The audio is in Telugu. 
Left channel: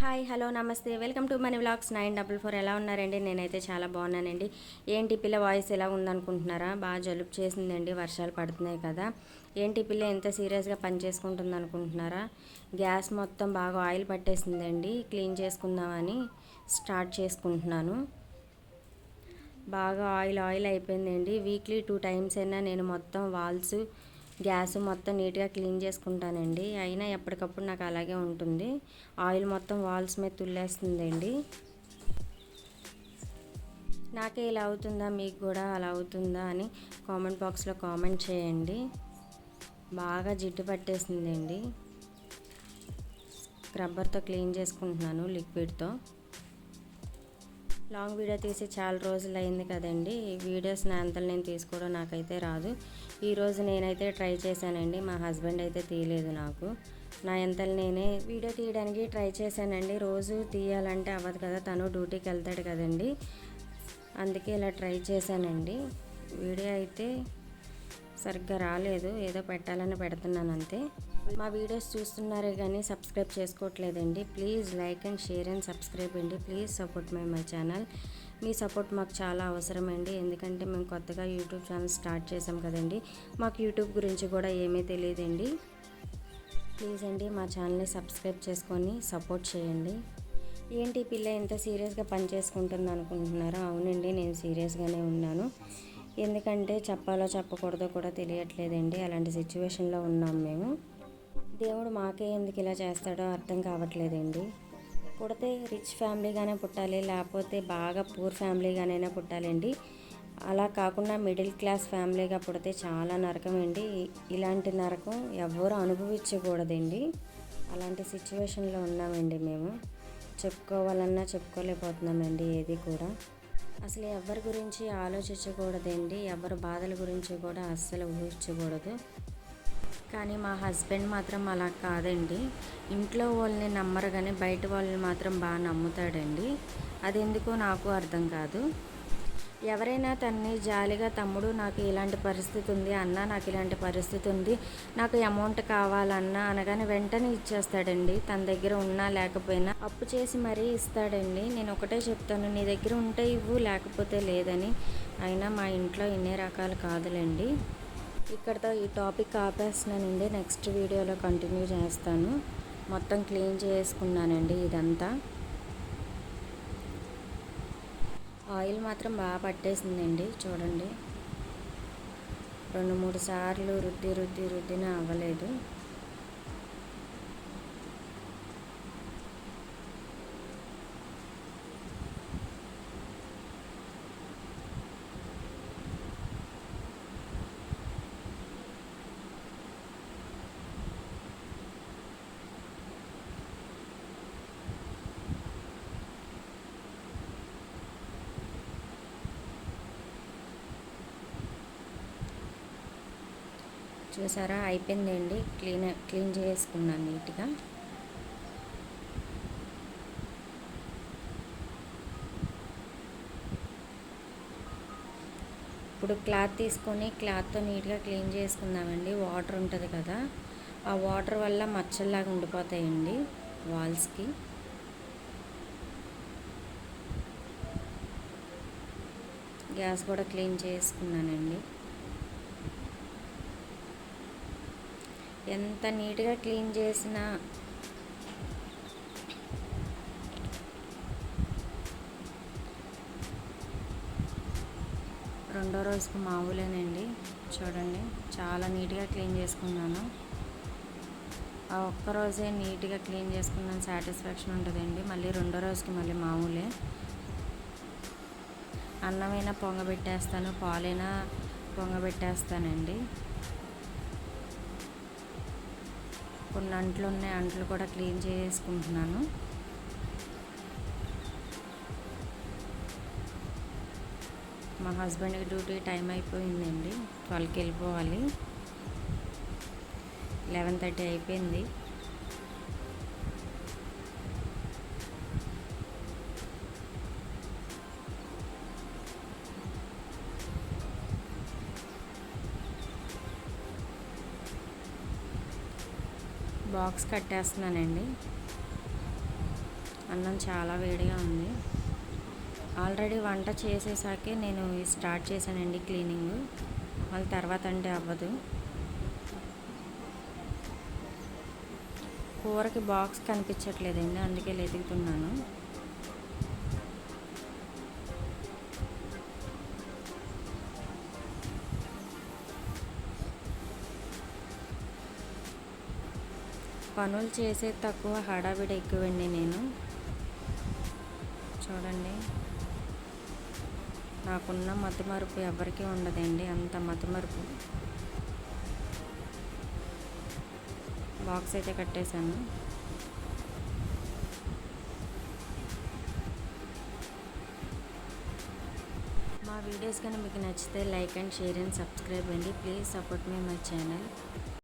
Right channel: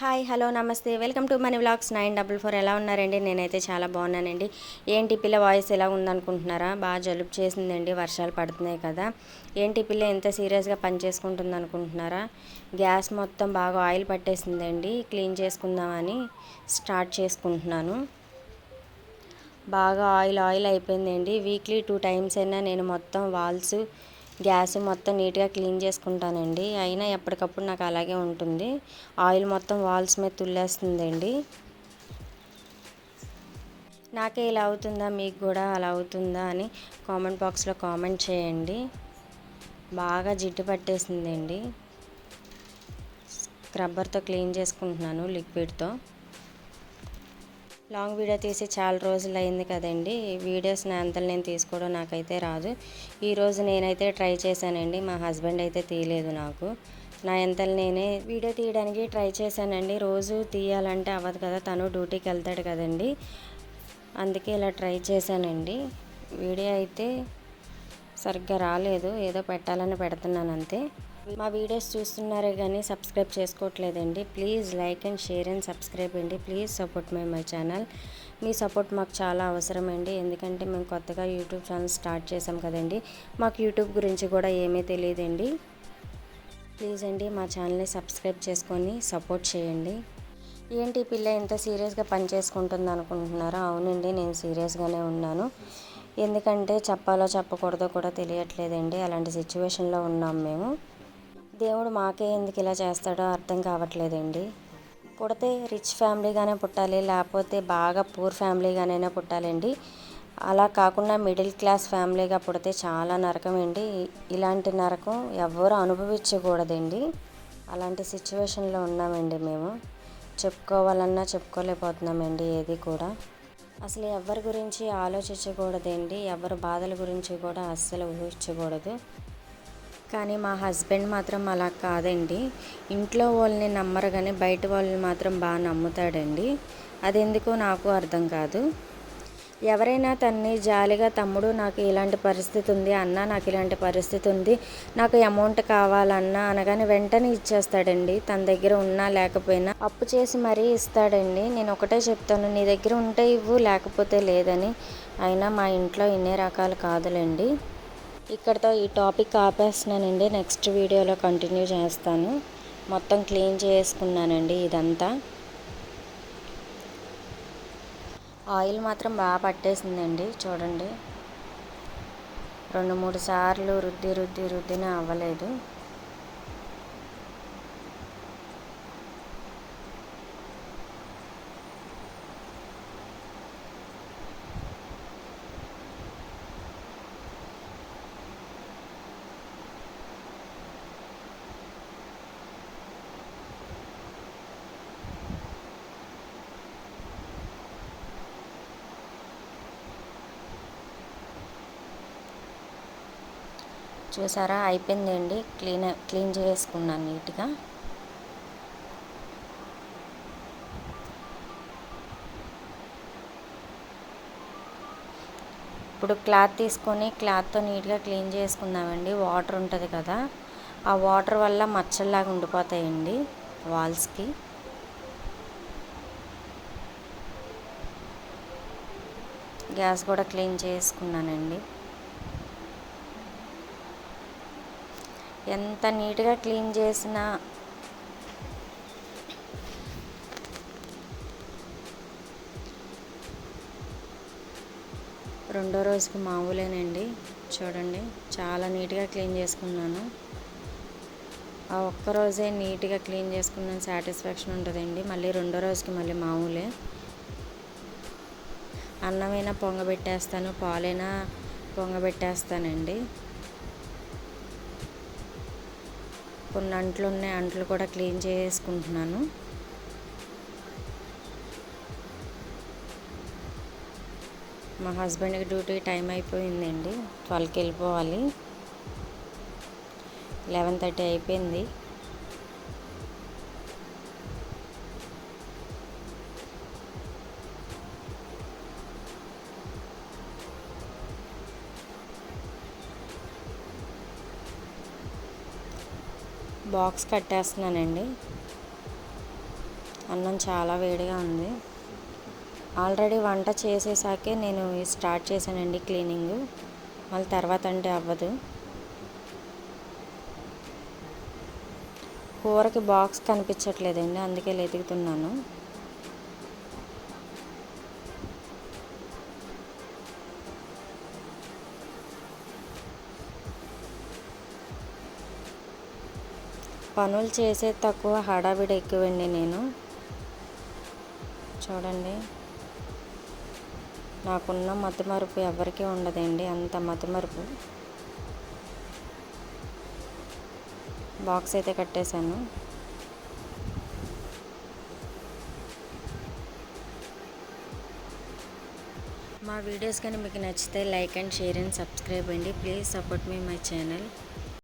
హాయ్ హలో నమస్తే. Welcome to money vlogs nine double four. ఎలా ఉన్నారండి? నేనైతే చాలా బాగున్నానండి. ఏంటి పిల్ల వాయిస్ ఎలా ఉందనుకుంటున్నారా? బాగా జలుబు చేసిందండి వర్షాలు పడుతున్నాయి కదా. ఏంటి పిల్ల ఎంత సీరియస్గా పనిచేసుకుంటుంది అనుకుంటున్నారా గ్యాస్ మొత్తం బాగా ఆయిల్ పట్టేసిందండి. క్లీన్ చేసుకుందామని స్టార్ట్ చేసుకుంటున్నాను. బాగా ఆయిల్ ఆయిల్ అయిపోయిందండి. వీక్లీ టూ టైమ్స్ అయినా నేను మొత్తం వాల్స్ గ్యాస్ మొత్తం నీట్గా క్లీన్ చేసుకుంటానండి. అయినా ఎప్పటికప్పుడు నాకు అలాగే ఉంటుంది. ఆయిల్ మొత్తం వాల్స్ మీద తుల్లేస్తుందండి. నాకే ఇలా అవుతుందా? మీకు కూడా అలా అవుతుందా? అని కామెంట్ బాక్స్లో కామెంట్ చేయండి. బాగా జిడ్డు పట్టేసిందండి. స్క్రబ్బర్తో క్లీన్ చేసుకుంటున్నాను లిక్విడ్తో. లాంగ్ వీడియో తీసి చాలా రోజులు అయింది కదండి. వీడియోస్ నా అంతలు నేను తీసుకోవడం నాకైతే రాదు. ఈరోజు నేనైతే ట్రై చేశానండి. మా హస్బెండ్ అయితే తీయలేదు నాకు. నా ఎంతలు నేనే వీడియో తీయడానికి ట్రై చేశానండి. రోజు తీయాలంటే అవ్వదు కదా తను డ్యూటీకి వెళ్తాడు కదండి. అందుకే ఇలా ట్రై చేశానండి. వీడియో అయితే సరిగ్గా రాలేదు. ఏదో పెట్టాలని పెడుతున్నాను అంతే. మా వీడియోస్ చూస్తున్నారే కానీ subscribe చేసుకోవట్లేదండి. Please like and share and subscribe అండి. Please support my my channel. Me support మాకు చాలా అవసరం అండి ఎందుకంటే మేము కొత్తగా యూట్యూబ్ ఛానల్ స్టార్ట్ చేసాం కదండి. మాకు యూట్యూబ్ గురించి కూడా ఏమీ తెలియదండి. ప్లీజ్ అండి మా ఛానల్ని సబ్స్క్రైబ్ చేసుకొని సపోర్ట్ చేయండి. ఏంటి పిల్ల ఎంత సీరియస్గా పని చేసుకుంటుంది అనుకుంటున్నారా? అవునండి నేను సీరియస్గానే ఉన్నాను. ఎందుకంటే చెప్పాలో చెప్పకూడదో కూడా తెలియట్లేదండి. అలాంటి సిచ్యువేషన్లో ఉన్నాం మేము. దేవుడు మాకే ఎందుకు ఇలా చేస్తాడో అర్థం కావట్లేదండి. పుడితే రిచ్ ఫ్యామిలీగానే పుట్టాలి లేకపోతే బాగా పూర్ ఫ్యామిలీగానైనా పుట్టాలండి. అలా కాకుండా మిడిల్ క్లాస్ ఫ్యామిలీగా పుడితే చాలా నరకం అండి ఇలాంటి నరకం ఎవరు అనుభవించకూడదండి. అలాంటి సిచ్యువేషన్లో ఉన్నామండి మేము. చెప్పుకోవాలన్నా చెప్పుకోలేకపోతున్నామండి ఏది కూడా. అసలు ఎవరి గురించి ఆలోచించకూడదండి. ఎవరి బాధల గురించి కూడా అస్సలు ఊహించకూడదు. కానీ మా హస్బెండ్ మాత్రం అలా కాదండి. ఇంట్లో వాళ్ళని నమ్మరు కానీ బయట వాళ్ళని మాత్రం బాగా నమ్ముతాడండి. అది నాకు అర్థం కాదు. ఎవరైనా తన్ని జాలిగా తమ్ముడు నాకు ఇలాంటి పరిస్థితి ఉంది అన్న నాకు ఇలాంటి పరిస్థితి ఉంది నాకు అమౌంట్ కావాలన్నా అనగానే వెంటనే ఇచ్చేస్తాడండి. తన దగ్గర ఉన్నా లేకపోయినా అప్పు చేసి మరీ ఇస్తాడండి. నేను ఒకటే చెప్తాను నీ దగ్గర ఉంటే ఇవ్వు లేకపోతే లేదని. అయినా మా ఇంట్లో ఇన్ని రకాలు కాదులేండి. ఇక్కడతో ఈ టాపిక్ ఆపేస్తున్నానండి. నెక్స్ట్ వీడియోలో కంటిన్యూ చేస్తాను. మొత్తం క్లీన్ చేసుకున్నానండి ఇదంతా. ఆయిల్ మాత్రం బాగా పట్టేసిందండి. చూడండి. రెండు మూడు సార్లు రుద్ది రుద్ది రుద్దిన అవ్వలేదు. చూసారా? అయిపోయిందండి. క్లీన్ క్లీన్ చేసుకున్నాను నీట్గా. ఇప్పుడు క్లాత్ తీసుకొని క్లాత్తో నీట్గా క్లీన్ చేసుకుందామండి. వాటర్ ఉంటుంది కదా. ఆ వాటర్ వల్ల మచ్చల్లాగా ఉండిపోతాయండి వాల్స్కి. గ్యాస్ కూడా క్లీన్ చేసుకున్నానండి. ఎంత నీట్గా క్లీన్ చేసినా. రెండో రోజుకి మామూలేనండి. చూడండి చాలా నీట్గా క్లీన్ చేసుకున్నాను. ఆ ఒక్క రోజే నీట్గా క్లీన్ చేసుకున్నాను సాటిస్ఫాక్షన్ ఉంటుందండి. మళ్ళీ రెండో రోజుకి మళ్ళీ మామూలే. అన్నమైనా పొంగబెట్టేస్తాను పాలైనా పొంగబెట్టేస్తానండి. కొన్ని అంట్లు ఉన్నాయి అంట్లు కూడా క్లీన్ చేసుకుంటున్నాను. మా హస్బెండ్కి డ్యూటీ టైం అయిపోయిందండి ట్వెల్వ్కి వెళ్ళిపోవాలి. లెవెన్ థర్టీ అయిపోయింది. బాక్స్ కట్టేస్తున్నానండి. అన్నం చాలా వేడిగా ఉంది. ఆల్రెడీ వంట చేసేసాకే నేను స్టార్ట్ చేశానండి క్లీనింగ్. మళ్ళీ తర్వాత అంటే అవ్వదు. కూరకి బాక్స్ కనిపించట్లేదండి అందుకే వెతుకుతున్నాను పనులు చేసే తక్కువ హడావిడి ఎక్కువండి నేను. చూడండి. నాకున్న మతిమరుపు ఎవరికీ ఉండదండి. అంత మతిమరుపు. బాక్స్ అయితే కట్టేశాను. మా వీడియోస్ కానీ మీకు నచ్చితే like and share and subscribe అండి. ప్లీజ్ సపోర్ట్ మీ మై ఛానల్.